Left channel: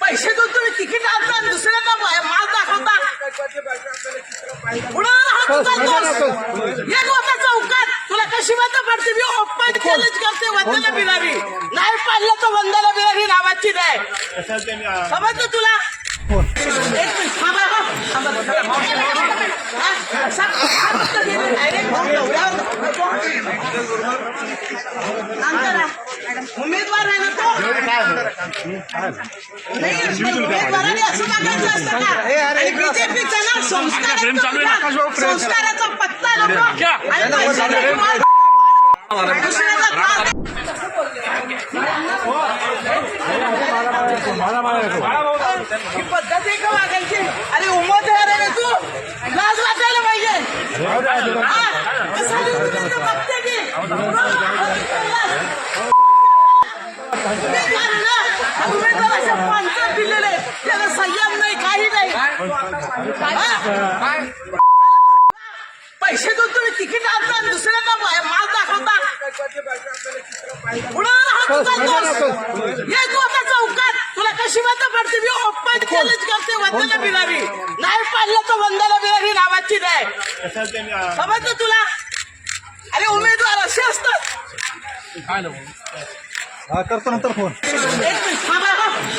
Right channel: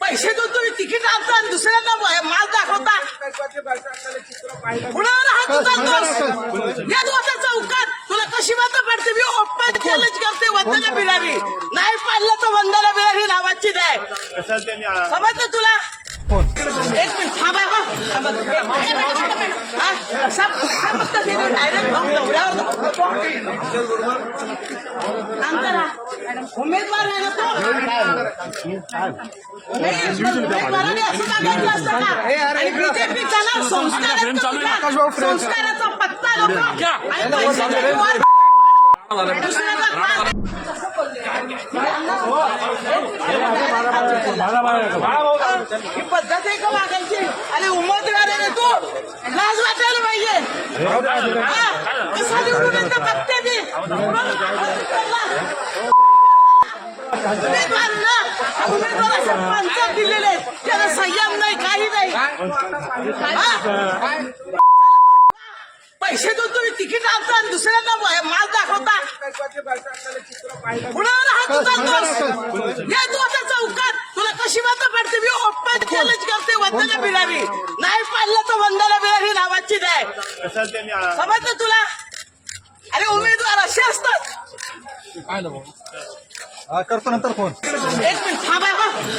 पैसे देऊन तुम्ही तिकीट आणता आणि दुसऱ्यांना माल दाखवता. कुणावर हात उचलतोस येत होता चौकात तुला कशी मत पडते मी ओपन चॅलेंज करते वंदना बिरारी नाही पाडलं तर वंदना बिरारी नावाची नाही. समजलं तुला? एक थांबा. हा? पद्धतीने direct भाऊ डोळ्यावर. उमेदवार आहे ना तो? उमेदवाराने असं टाकायचं असतं का? आणि बीजेपीचा ना? संस्काराचा संस्काराचा पत्ता नको. आणि पैशाचा विवाद. दुसऱ्याला त्रास ही पद्धत आहे का वागायची. आणि उमेदवार आहे रे तू? लाज वाटायला पाहिजे. हा? कसा निवडून येतो बघते दिलेले त्याला संयम नाही काही नाही पैसे देऊन तुम्ही तिकीट आणता आणि का माल दाखवता? कुणावर हात उचलतोस चौकात. तुला कशी मत पडते मी ओपन चॅलेंज करते वंदना बिलावी. नाही पाडलं तर वंदना बिलावी नावाची नाही. समजलं तुला? अरे उमेदवार असे असतात. करतो नंतर फोन एक मिनिट थांबा.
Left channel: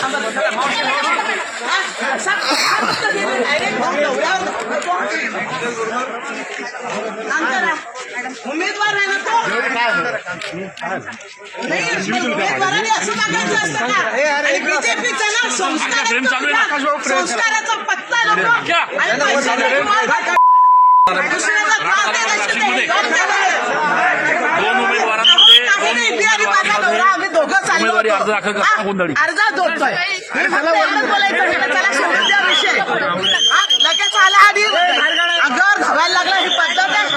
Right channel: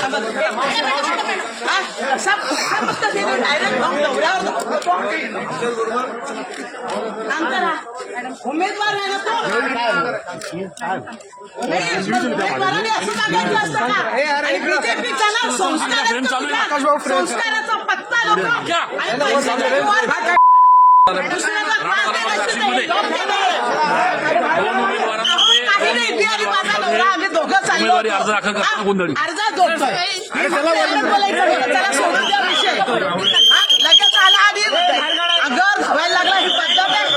थांबा. हा? उमेदवार आहे ना तो नाही, पण उमेदवाराने असं टाकायचं असतं का? आणि बीजेपीचा ना संस्काराचा संस्काराचा पत्ता नको आणि पैशाचा विवाद. दुसऱ्याला दोन आम्ही बिहारी माझा नवरा, आम्ही दोघं चाललो उमेदवारी. अर्ज दाखल करताना हा? गोंधळी. अर्ज जोडतोय मी फक्त एवढंच बोलायचं मी त्याला सोडून द्या विषय हा? लगेच आला आधी अगं धावायला लागला ही पद्धत आहे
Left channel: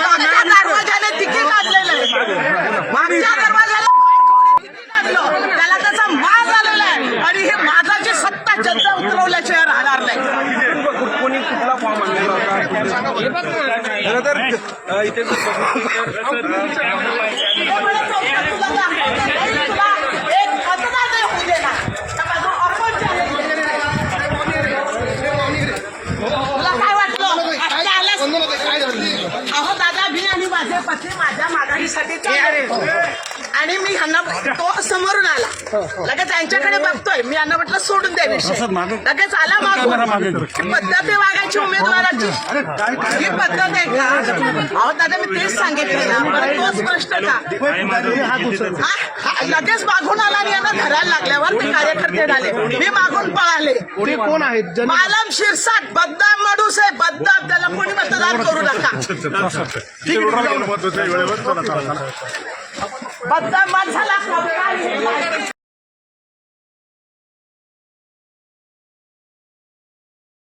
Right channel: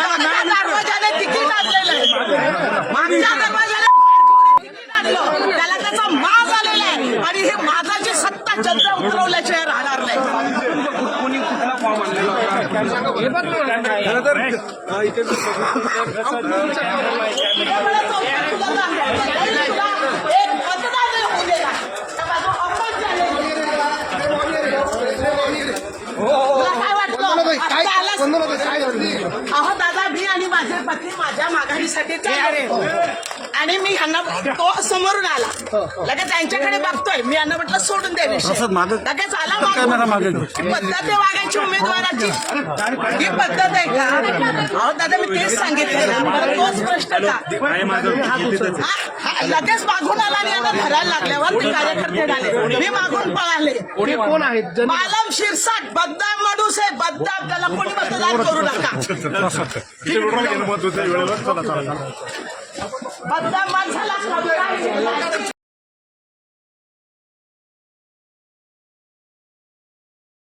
मागच्या दरवाजाने तिकीट आणलेलं आहे मागच्या दरवाजाला फारकवणे तिकीट आणलं त्याला त्याचा माज आलेला आहे आणि हे माजाची सत्ता जनता उतरवल्याशिवाय राहणार नाही खरं तर इथे अहो दादा मी आणि माझे पत्नी माझ्या माघारीसाठी चालले आणि मी ह्यांना तो समोरून आला. लगेच त्यांच्याकडे बघतोय. मी यांना म्हटलं सोडून द्या विषय. लगेच आला मागून. ही पद्धत आहे वागायची उमेदवाराची. ही पद्धत आहे का? अहो दादा मी तेच सांगितलंय ना. परत तोच प्रश्न का? हा? हा, लगेच मागून आला आणि यांना धरायला लागल्यावर ते कार्यकर्ते झाले. मी मागून पळाले. कोण आहेत? मालम शिरसाट बद्दाम माणूस आहे. बद्दाम त्याला कोणी मतदान करू नका. बद्दाम माणसाला